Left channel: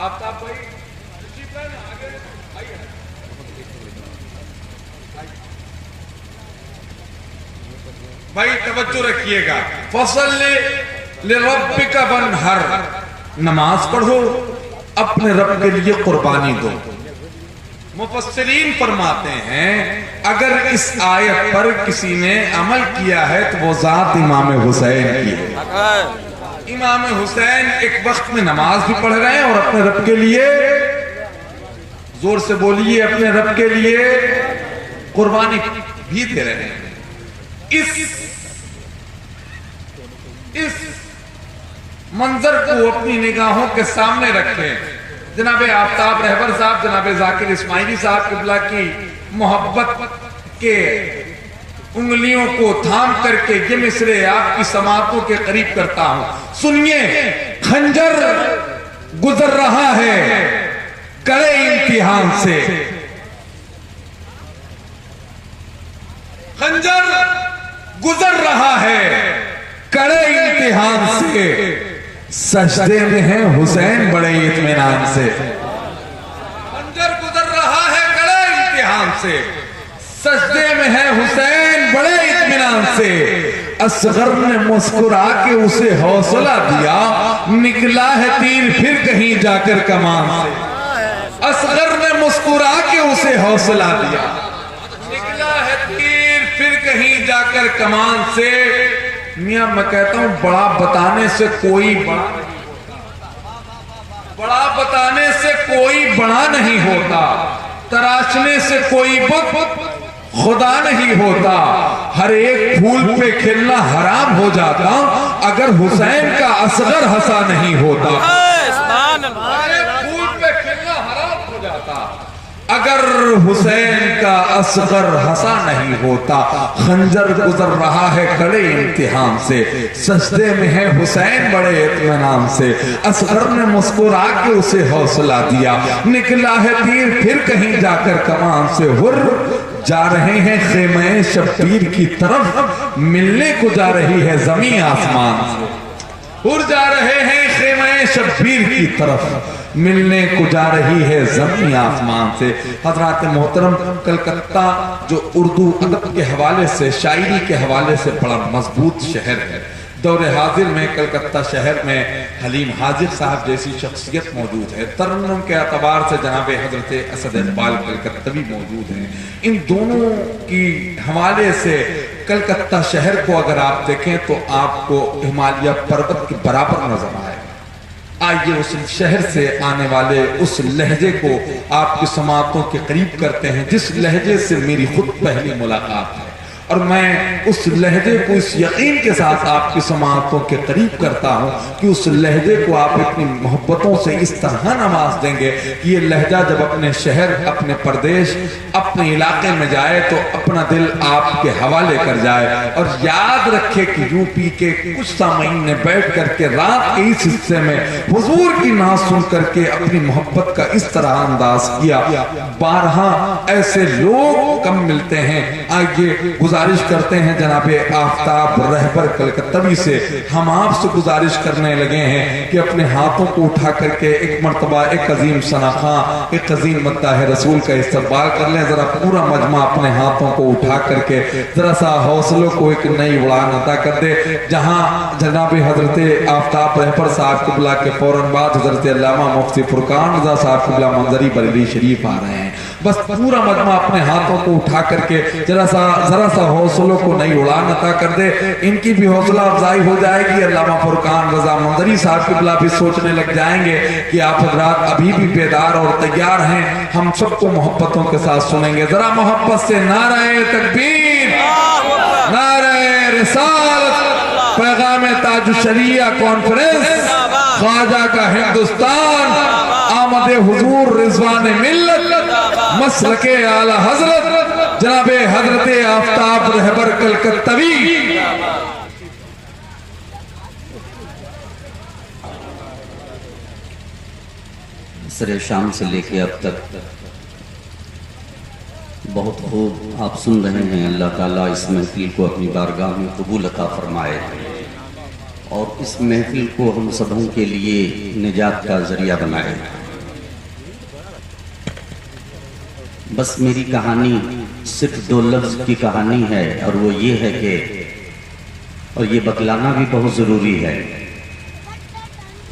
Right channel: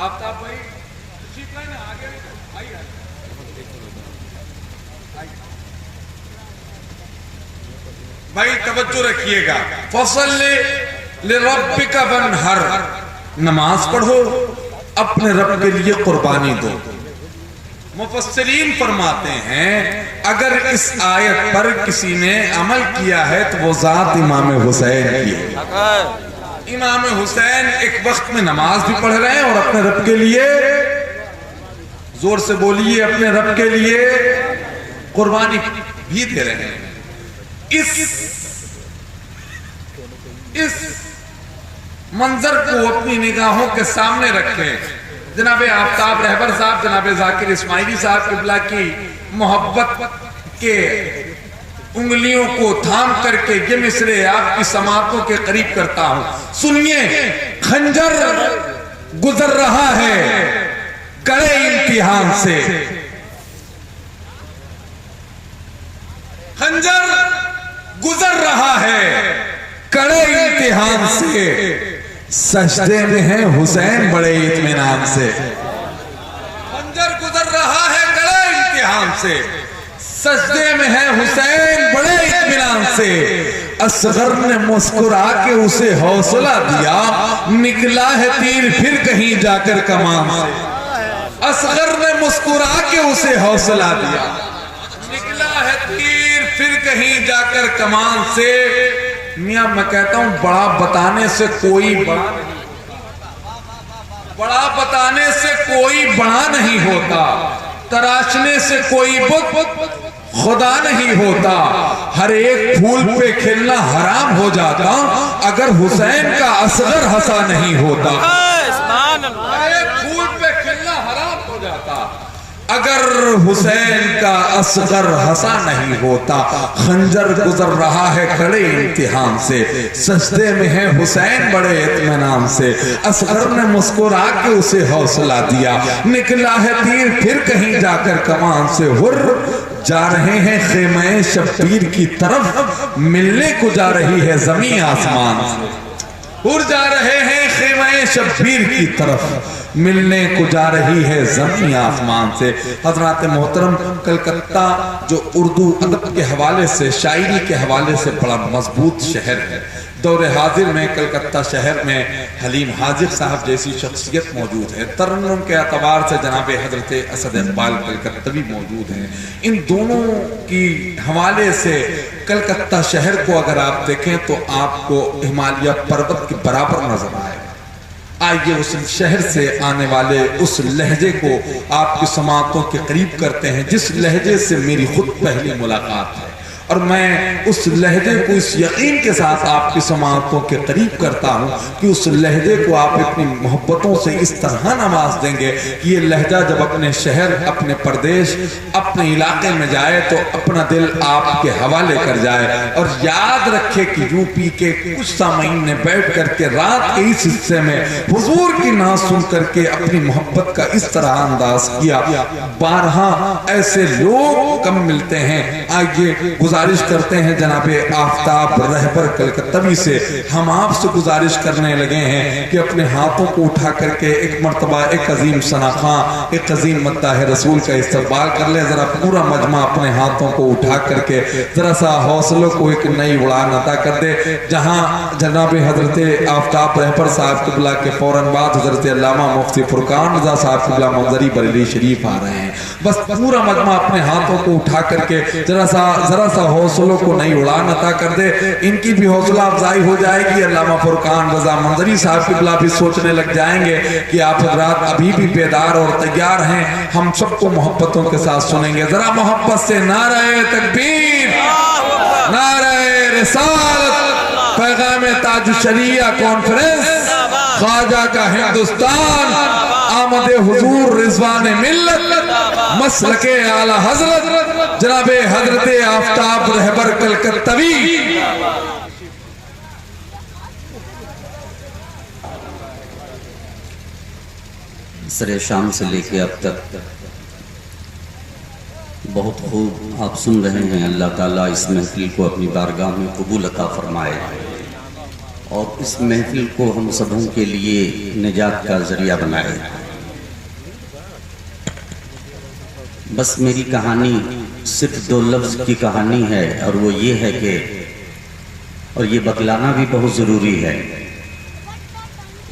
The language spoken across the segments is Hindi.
आफ्ताब भाई उसी का ना आगे भाई भाई तवज्जो रखिएगा। फसल ले रब्बिका वन्हर, नमाज पढ़ो, अपने रब के लिए कुर्बानी दो। मुफस्सिरीन फरमाते हैं अगर इस आयत पर किसी ने अमल किया है तो वो जात इमाम हुसैन की है। इमाम हुसैन एक वक्त में नमाज भी पढ़ रहे हैं और अपने रब के लिए, जोर से बोलिए, अपने रब के लिए कुर्बानी भी दे रहे हैं। इस मंजर को अपनी निगाहों के सामने रखें। जनाबे आफ्ताब रहबर साहब, जनाबे जाकिर इस्माइली साहब किबला की मोहब्बत के उंगलियों को थाम करके ये मिसरे आपकी समातों के करीब करता हूं। सुनिए, खंजर गुजर रहा है कड़े इम्तिहान से, खंजर गुजर रहा है कड़े इम्तिहान से, सजदे में है हुसैन बड़े इत्मीनान से। खंजर गुजर रहा है कड़े इम्तिहान से, सजदे में है हुसैन बड़े इत्मीनान से। असगर ने मुस्कुरा के उसे हौसला दिया, निकला है तीर फिर कहीं जाकर कमान से। असगर ने मुस्कुरा के उसे हौसला दिया, निकला है तीर फिर कहीं जाकर कमान से। मियां मैं कहता हूं बड़ा बताने से कोई बड़ा नहीं होता, बड़ा बताने से कोई बड़ा नहीं होता, तराशने से कोई बुत खुदा नहीं होता। हर एक फूल पे खिलना हराम हो जाता अगर हुसैन का असगर हंसा नहीं होता। हर एक फूल पे खिलना हराम हो जाता अगर हुसैन का असगर हंसा नहीं होता। खंजर गुजर रहा है कड़े इम्तिहान से, सजदे में है हुसैन बड़े इत्मीनान से। असगर ने मुस्कुरा के उसे हौसला दिया, निकला है तीर फिर कहीं जाकर कमान से। हुर जा रहे हैं खेमे शब्बीर की तरफ, मिलने को जा रही है जमीन आसमान से। हुर जा रहे हैं खेमे शब्बीर की तरफ, मिलने को जा रही है जमीन आसमान से। हजरात मोहतरम, कलकत्ता जो उर्दू अदब के हवाले से, शायरी के हवाले से बड़ा मजबूत शहर है। दौरे हाजिर में कलकत्ता शहर में हलीम हाजिर साहब जैसी शख्सियत मौजूद है। तरन्नुम के अतबार से जनाबे हजरत असद इकबाल कलकत्तवी मौजूद हैं। इन दोनों की हवाले से कलकत्ता शहर को अगर आप देखें तो आपको हिमालय पर्वत के बराबर नजर आएगा। आइए उस शहर से आने वाले उस लहजे को आपकी समातों के करीब करते हैं जिस लहजे से मेरी खुद पहली मुलाकात है, और मैं उस लहजे को इस यकीन के साथ आपकी समातों के करीब करता हूं कि उस लहजे को आप अपनी मोहब्बतों से इस तरह नवाज देंगे कि ये लहजा जब अपने शहर, अपने प्रदेश, अपने इलाके में जाए तो अपना दिल आपके हवाले कर जाए। और याद रखे कि यूपी के कुछ सामीन ने बैठ करके रात के इस हिस्से में हुजूर की नाम सुन करके अपनी मोहब्बत का इस तरह अंदाज किया। 12 ऐसे लोग कम मिलते हैं। आइए गुजारिश करते हैं जनाबे आफ्ताब रहबर कलकत्तवी से, हम आपसे गुजारिश करने लगे हैं कि अपने हाथों को उठा करके एक मर्तबा एक अजीम सनाखा, एक अजीम मद्दाह रसूल का इस्तकबाल कर लें। जरा पूरा मजमा अपने हाथों को उठा करके जरा सा हौसलों को एक नई उड़ान अता कर दे। जहां जनाबे हजरत आफ्ताब रहबर साहब किबला के फौरन बाद हजरत अल्लामा मुफ्ती फुरकान रजा साहब किबला मंजरी बरेली शरीफ आ रहे हैं। बस पूरा मजमा अपने हाथों को उठा करके जरा सा हौसलों को नई उड़ान अता कर दे। इनकी भी हौसला अफजाई हो जाएगी। अल्लामा फुरकान रजा मंजरी साहब किबला भी सोचने लग जाएंगे कि आप हजरात अभी भी बेदार और तैयार हैं। हम सबको मोहब्बतों के साथ सुनेंगे। जरा मोहब्बत से नारे तकबीर, नारे रिसालत, पैगाम ताज शरिया कॉन्फ्रेंस, ख्वाजा का हिंदुस्तान, आमद हुजूर रिजवान मिल्लत, मसलके आला हजरत जनाबे हजरत आफ्ताब रहबर कलकत्तवी। सरे शाम से लेके अब तक बहुत खूब आप सुन रहे हैं। अल्लाह ताला इस महफिल को अपनी बारगाह में कबूल अता फरमाए और इस महफिल को हम सबों के लिए निजात का जरिया बनाए। बस मेरी कहानी सिर्फ 2 लफ्ज की कहानी है, और वो ये है कि, और ये बतलाना भी बहुत ज़रूरी है,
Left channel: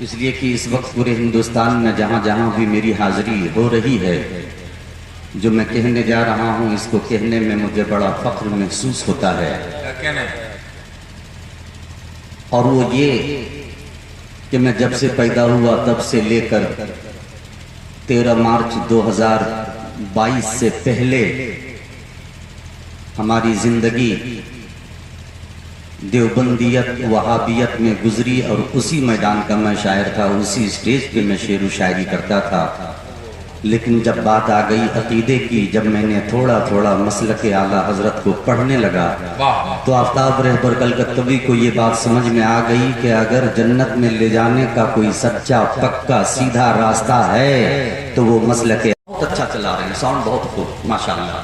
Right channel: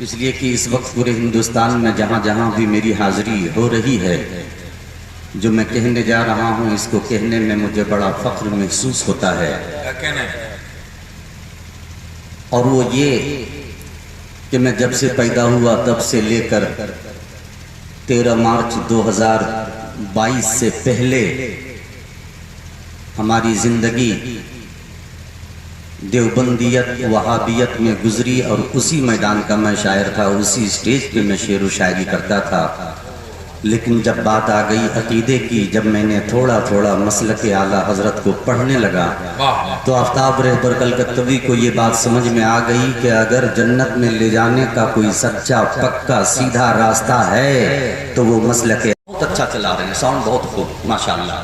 इसलिए कि इस वक्त पूरे हिंदुस्तान में जहाँ जहाँ भी मेरी हाजिरी हो रही है, जो मैं कहने जा रहा हूँ इसको कहने में मुझे बड़ा फख्र महसूस होता है। और वो ये कि मैं जब से पैदा हुआ तब से लेकर 13 मार्च 2022 से पहले हमारी जिंदगी देवबंदियत वहाबियत में गुजरी, और उसी मैदान का मैं शायर था, उसी स्टेज पे मैं शेर व शायरी करता था। लेकिन जब बात आ गई अकीदे की, जब मैंने थोड़ा थोड़ा मसलक आला हजरत को पढ़ने लगा, तो आफ्ताब रहबर कलकत्तवी को ये बात समझ में आ गई कि अगर जन्नत में ले जाने का कोई सच्चा पक्का सीधा रास्ता है तो वो मसलक। बहुत अच्छा चला रहे हैं, साउंड बहुत खूब माशाल्लाह।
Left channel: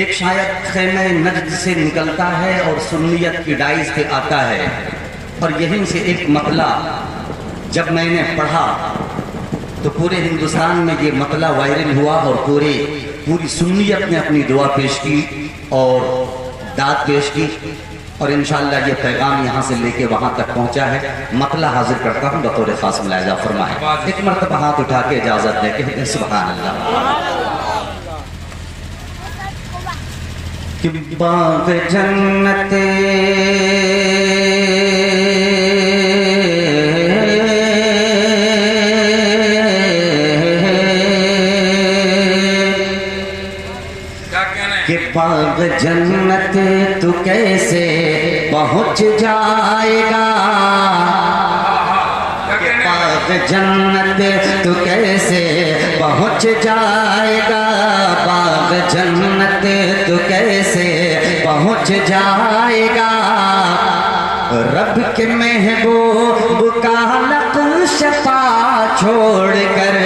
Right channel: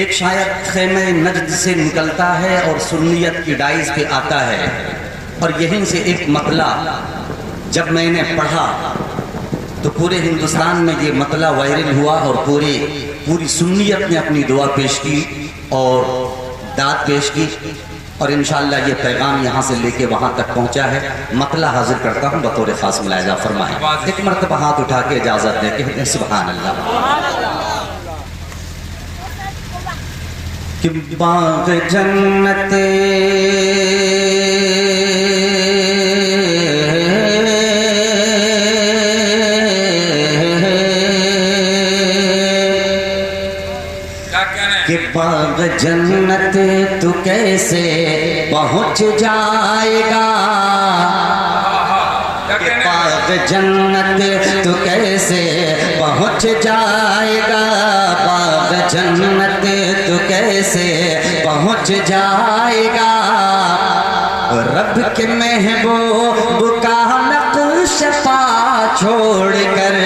एक शायर खेमे नजद से निकलता है और सुन्नियत की डाइस पे आता है, और यहीं से एक मतला जब मैंने पढ़ा तो पूरे हिंदुस्तान में ये मतला वायरल हुआ, और पूरी सुन्नियत ने अपनी दुआ पेश की और दाद पेश की, और इंशाअल्लाह ये पैगाम यहाँ से लेके वहां तक पहुंचा है। मतला हाजिर करता हूँ बतौर खास मुलाहिजा फरमाए। एक मरतबा हाथ उठा के इजाजत दे के सुभान अल्लाह। कि बाग़ जन्नत कि बाग़ जन्नत तू कैसे पहुँच जाएगा, कि बाग़ जन्नत तू कैसे पहुँच जाएगा, बाग़ जन्नत तू कैसे पहुँच जाएगा। रब के महबूब का नक्श पा छोड़ कर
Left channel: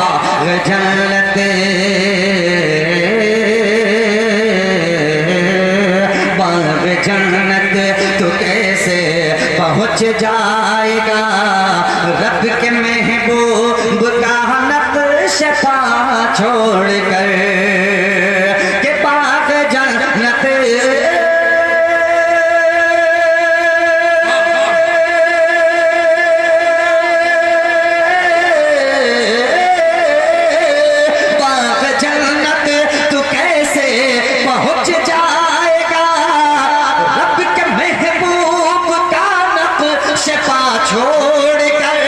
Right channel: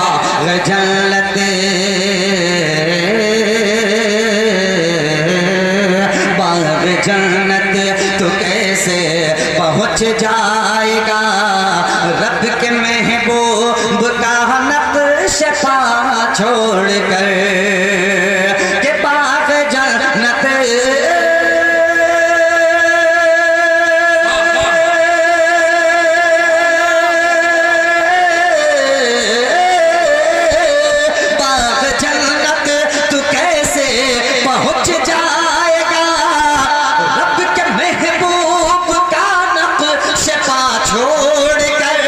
बाग़ जन्नत, बाग़ जन्नत तू कैसे पहुँच जाएगा। रब के महबूब का नक्श पा छोड़ कर के बाग़ जन्नत, बाग़ जन्नत तू कैसे पहुँच जाएगा। रब के महबूब का नक्श पा छोड़ कर,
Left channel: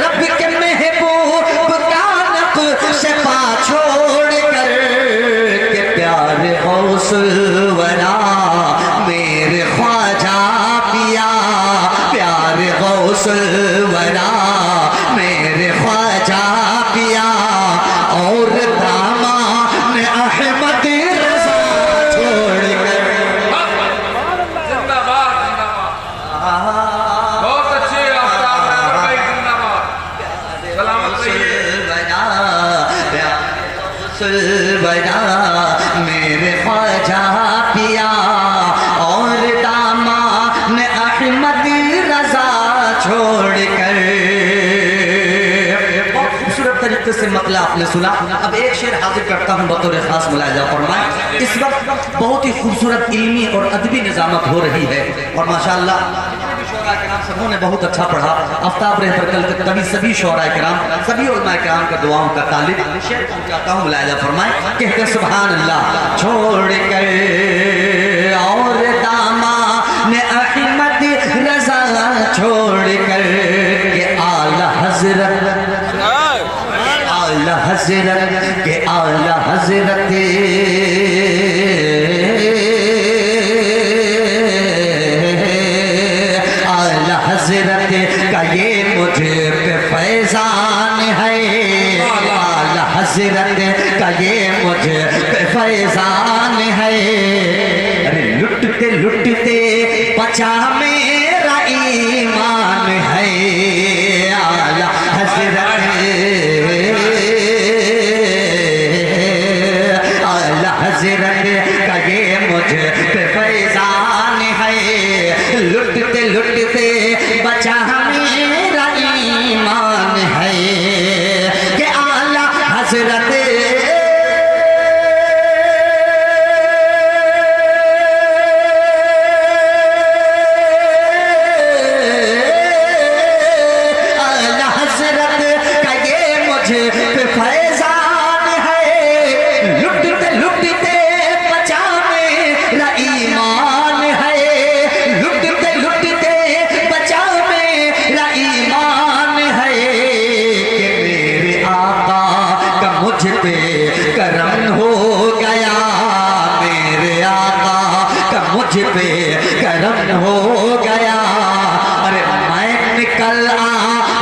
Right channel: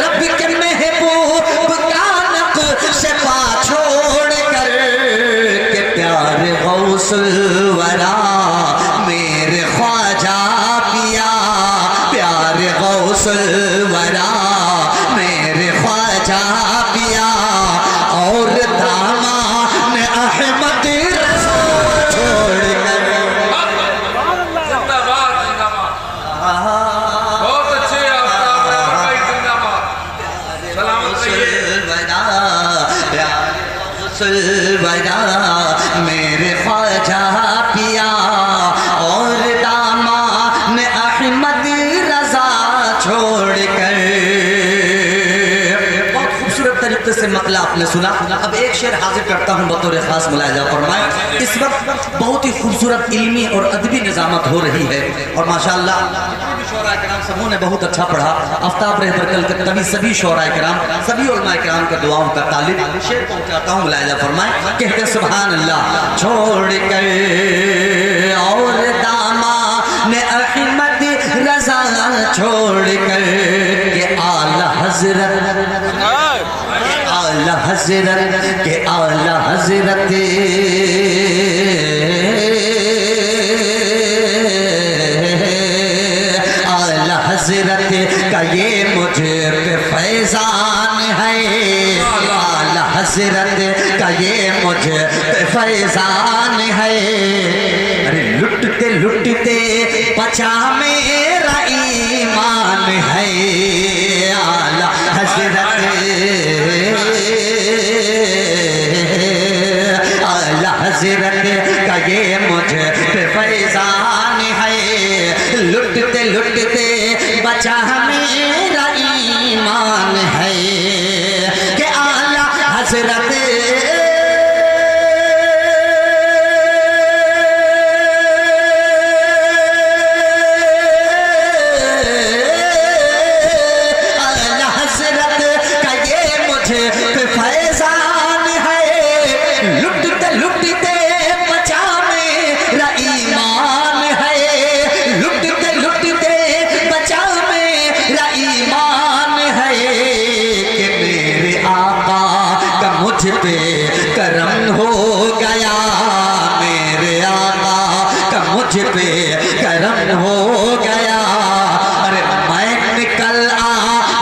रब के महबूब का नक्श पा छोड़ कर के प्यारे गौसुल वरा मेरे ख्वाजा पिया, प्यारे गौसुल वरा मेरे ख्वाजा पिया, और दामान अहमद छोड़ कर। जिंदाबाद जिंदाबाद, बहुत अच्छे आफ्ताब रहबर भाई, जिंदाबाद, सलामत रहिए। बजा मेरे ख्वाजा पिया, और दामान अहमद रजा छोड़ कर। बहुत खूबसूरत तरीके से मतला आपने सुना। अब एक शेर हाजिर करता हूँ बतौर खास मुलाहिजा फरमाए। इस वक्त बहुत ही खूबसूरत इल्मी और अदबी निजामत हो रही है, और माशाअल्लाह शोरा किराम सबों ने बहुत अच्छा पढ़ा। आफ्ताब रहबर कलकत्तवी सभी शोरा किराम, सभी उलमा किराम का दुआओं का तालिब। शेर पहुंचाता हूँ मुलाहिजा फरमाए, कहते सुभान अल्लाह। छोड़ कर और दामान अहमद रजा छोड़ कर के आला हजरत, आला हजरत के आला हजरत आला हजरत का ये मुझे पे फैजान है, आला हजरत का ये मुझे पे फैजान है। अरे लुटते लुटते बचा मेरा ईमान है, आला हजरत आला हजरत का ये मुझे पे फैजान है। लुटते लुटते बचा मेरा ईमान है कि आला हजरत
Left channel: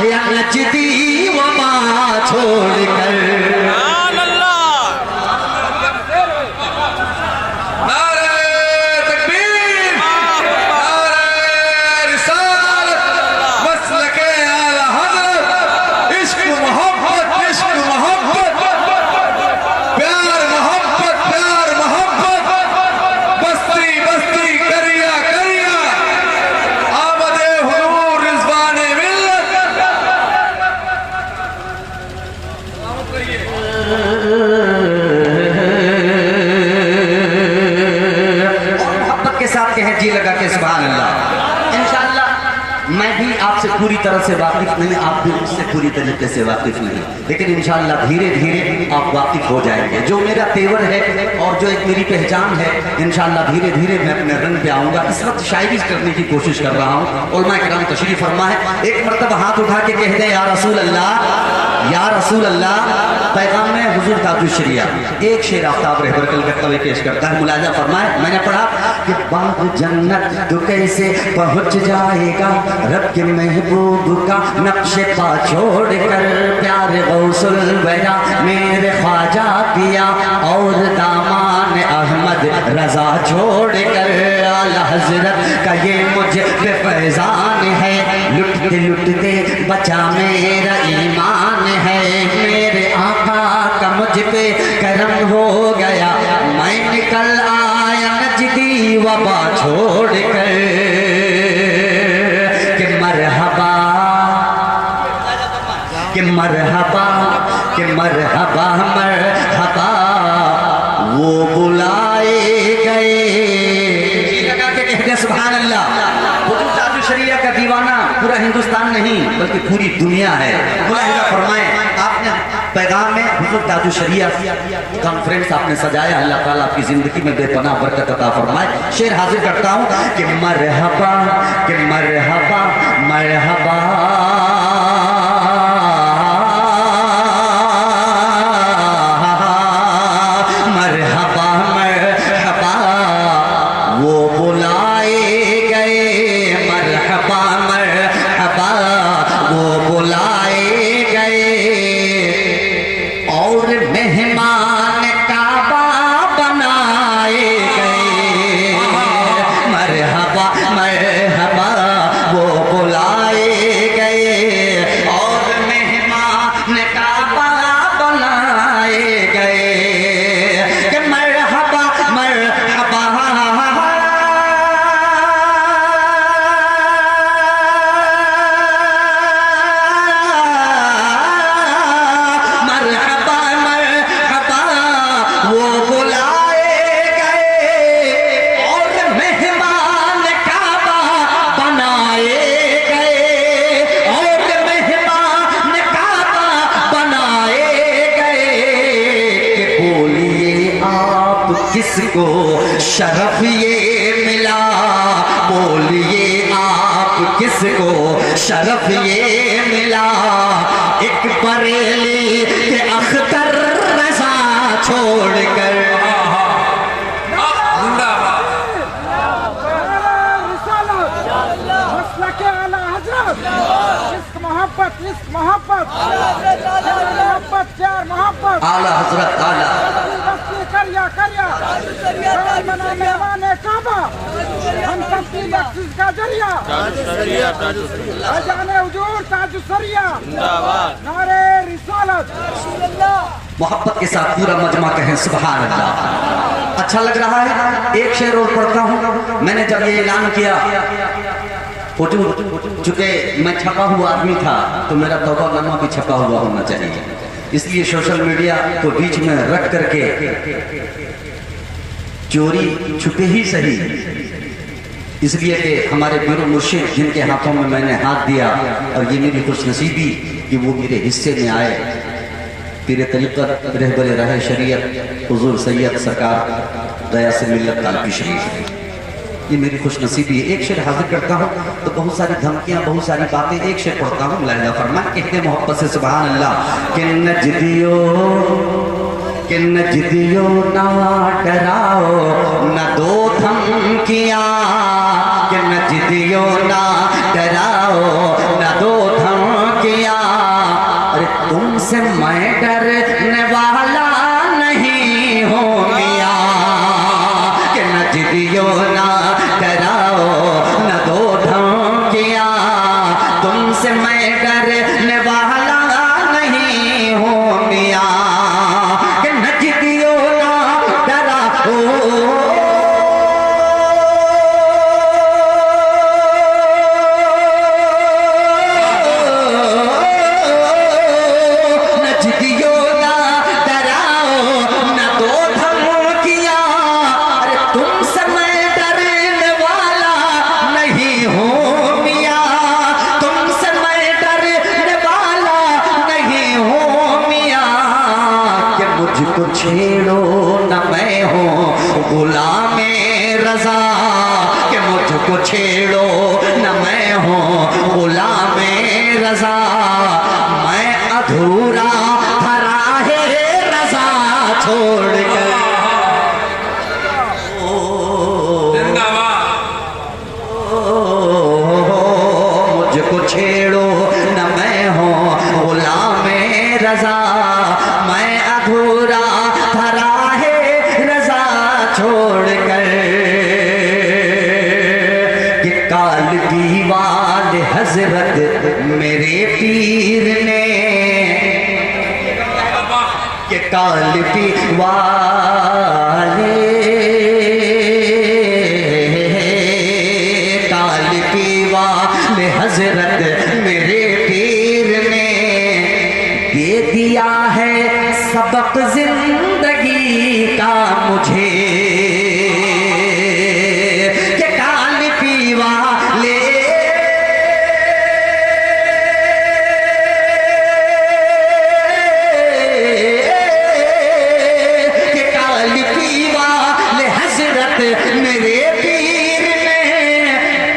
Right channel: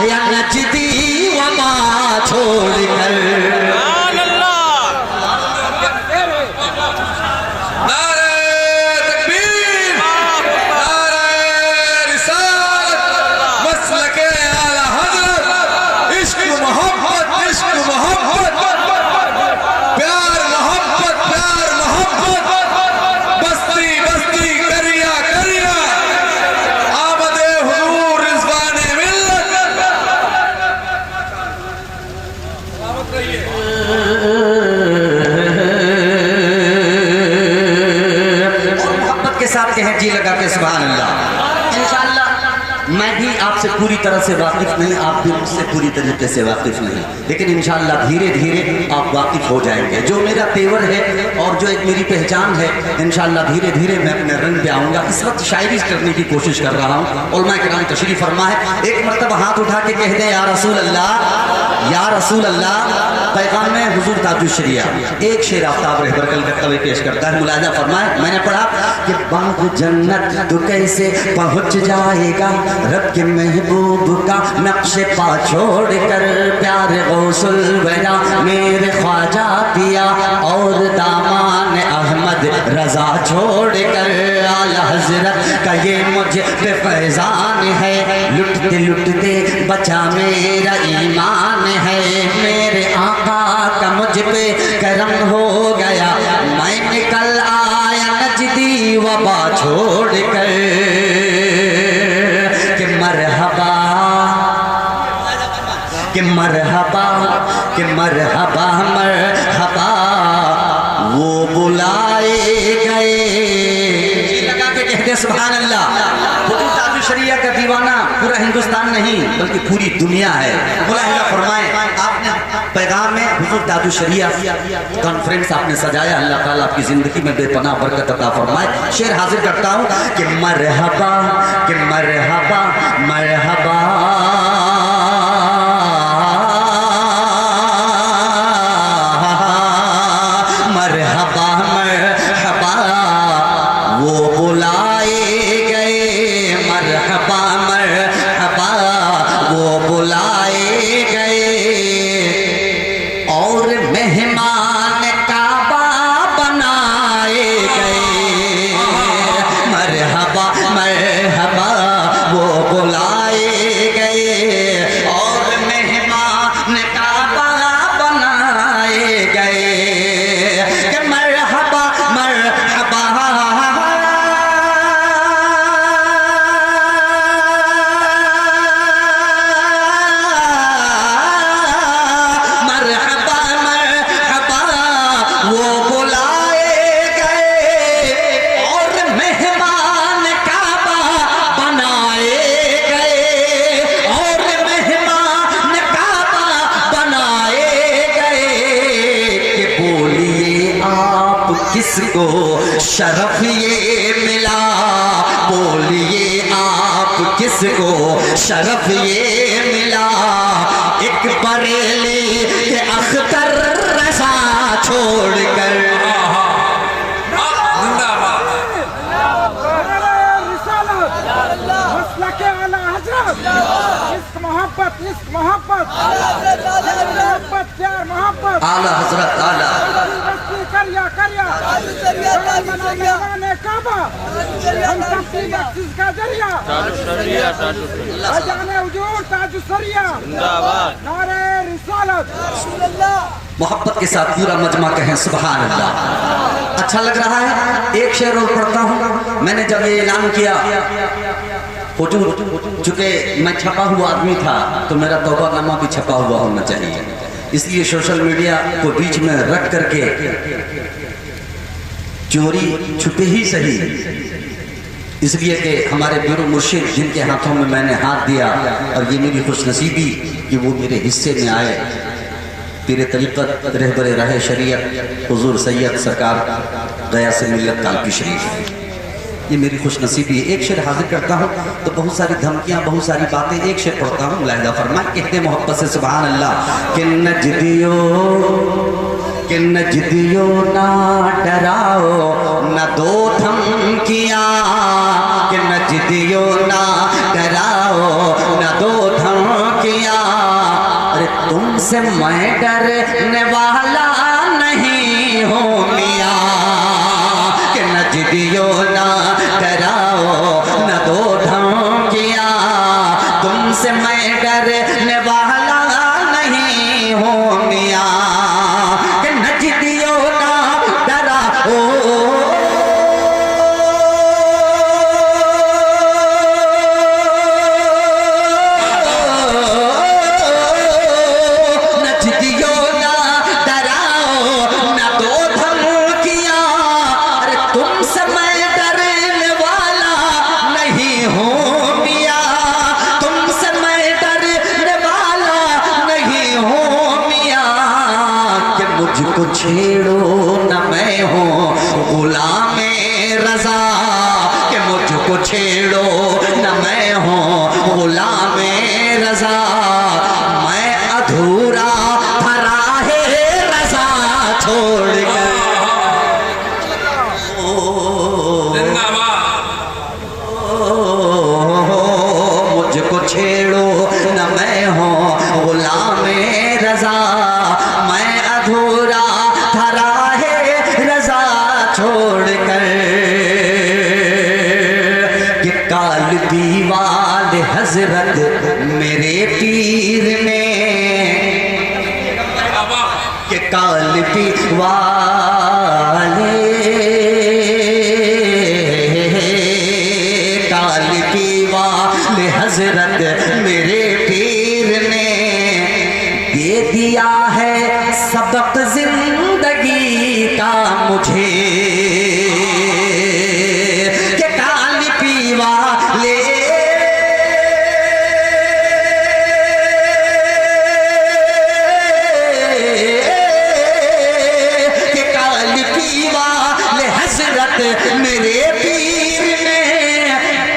आया नजदी वबा छोड़कर। जी लगा के सुभान अल्लाह। इंशाअल्लाह मैं भी आपसे पूरी तरह से वाकिफ नहीं, आप भी मुझसे पूरी तरीके से वाकिफ नहीं, लेकिन इंशाअल्लाह धीरे धीरे आप वाकिफ हो जाएंगे। जो मेरा तेवर है और जो एक मेरी पहचान है, इंशाअल्लाह धीरे धीरे मैं अपने रंग पे आऊंगा। इस वक्त शायरी करने की कोशिश कर रहा हूँ। उलमा किराम तशरीफ फरमा है, एक मरतबा हाथ उठा के कह दे या रसूल अल्लाह, या रसूल अल्लाह। पैगाम में हुजूर ताजुश शरिया एक शेर आफ्ताब रहबर करता हुए पेश करता है। मुलाजा फरमाए, मैंने पढ़ा कि बाग जन्नत तो कैसे पहुंच जाएगा रब के महबूब का नक्शे पा छोड़ कर। प्यार गौसुल वरा मेरे ख्वाजा पिया और दामान अहमद रजा छोड़ कर। आला हजरत का ये मुझे पे फैजान है, लुटते लुटते बचा मेरा ईमान है। मेरे आका का मुझ पे करम हो गया, मैं निकल आया नजदी वबा छोड़ कर। कि मरहबा, कि मरहबा, कि मरहबा मरहबा वो बुलाए गए। लगा के कहते सुभान अल्लाह। ताजुश शरिया का दीवाना पूरा हिंदुस्तान नहीं बल्कि पूरी दुनिया है। फरमाए आपने पैगाम में हुजूर ताजुश शरिया कॉन्फ्रेंस आपने सजाया, अल्लाह ताला आपकी जिंदगी में बेपनाह बरकत अता फरमाए। शेर हाजिर करता हूँ कि मरहबा, कि मरहबा मरहबा मरहबा मरहबा वो बुलाए गए। मरहबा मरहबा वो बुलाए गए और मेहमान काबा बनाए गए। मरहबा मरहबा वो बुलाए गए और मेहमान काबा बनाए गए। कि मरहबा मरहबा वो बुलाए गए और मेहमान काबा बनाए गए और मेहमान काबा बनाए गए। कि बोलिए आप किसको शरफ ये मिला, बोलिए आप किसको शरफ ये मिला। एक बरेली के अख्तर रसा छोड़कर। मोहब्बत इश्क मोहब्बत मोहब्बत प्यार मोहब्बत आला हजरत आला करिया करिया मेहमान काबा हम सबकी बख्शिश का जरिया। जाने हुजूर ताजुश शरिया नारे रिसालत। मोहब्बत के साथ पूरा मजमा कहें सुभान अल्लाह। अच्छा लग रहा है। एक शेर और पढ़ता हूँ। मैंने जब ये ऐलान किया, चूंकि मैं छपा हुआ आदमी था तो मेरा तौबानामा भी छपा हुआ होना चाहिए, इसलिए सोशल मीडिया को बीच में रख करके चोरी छुपे ही सही, इसलिए कि हमारे गुरु मुर्शिद जिनके हाथों में मैंने हाथ दिया और ये मेरी खुशनसीबी कि वो मेरे हिस्से में आए, पीर तरीक़त रहबर राह शरीयत हुजूर सैयद सरकार गया से मिल्लत कालपी शरीफ, ये मेरी खुशनसीबी। एक शेर हाजिर करता हूँ तो बहुत सारी धमकियाँ बहुत सारी बातें, एक शेर पढ़ता हूँ मुलाहिजा फरमाए, कहते मोहब्बत से सुभान अल्लाह। कि नजदियो ना डराओ न दो धमकियाँ, कि नजदियो ना डराओ न दो धमकियाँ। तुमसे मैं डरने वाला नहीं हूँ मियाँ, कि न जिदियो ना डराओ न दो धमकियाँ। तुमसे मैं डरने वाला नहीं हूँ मियाँ, कि न जिदियो ना डराओ। मुझको छेड़ो न मैं हूँ गुलाम रज़ा, कि मुझको छेड़ो न मैं हूँ गुलाम रज़ा। मैं अधूरा भरा है रज़ा छोड़कर। मुझको छेड़ो न मैं हूँ गुलाम रज़ा, मैं अधूरा धरा है रज़ा छोड़कर। कि काल दीवाल हजरत मेरे पीर ने, कि काल दीवाल हजरत मेरे पीर ने दे दिया है सबक जिंदगी का मुझे, कि काल पीवा ले कि काल पीवा ले हजरत मेरे पीर ने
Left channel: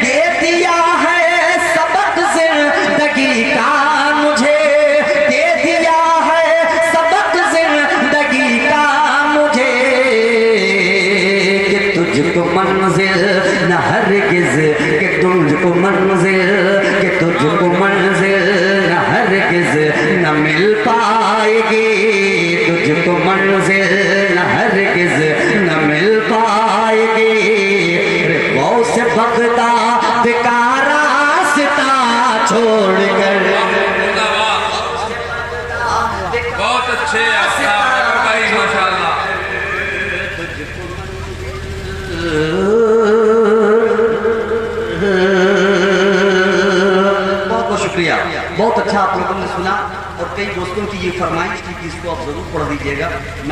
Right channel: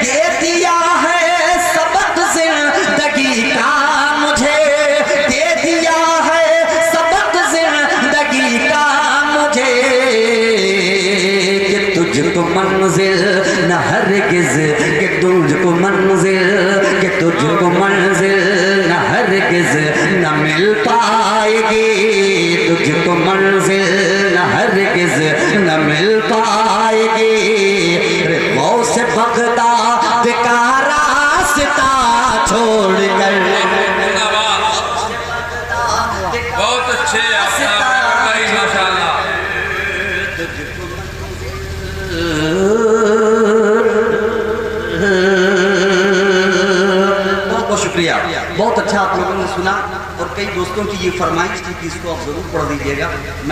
दे दिया है सबक जिंदगी का मुझे, दे दिया है सबक जिंदगी का मुझे। कि तुझको मंजिल न हरगिज, कि तुझको मंजिल, कि तुझको मंजिल न हरगिज न मिल पाएगी, तुझको मंजिल न हरगिज न मिल पाएगी। गौस बगदाद का रास्ता छोड़कर। बहुत अच्छे माशाल्लाह। बहुत बहुत शुक्रिया, बहुत अच्छा आप लोगों ने सुना। और कई दोस्तों की ये फरमाइश थी कि इसको आप जरूर पढ़ दीजिएगा। मैं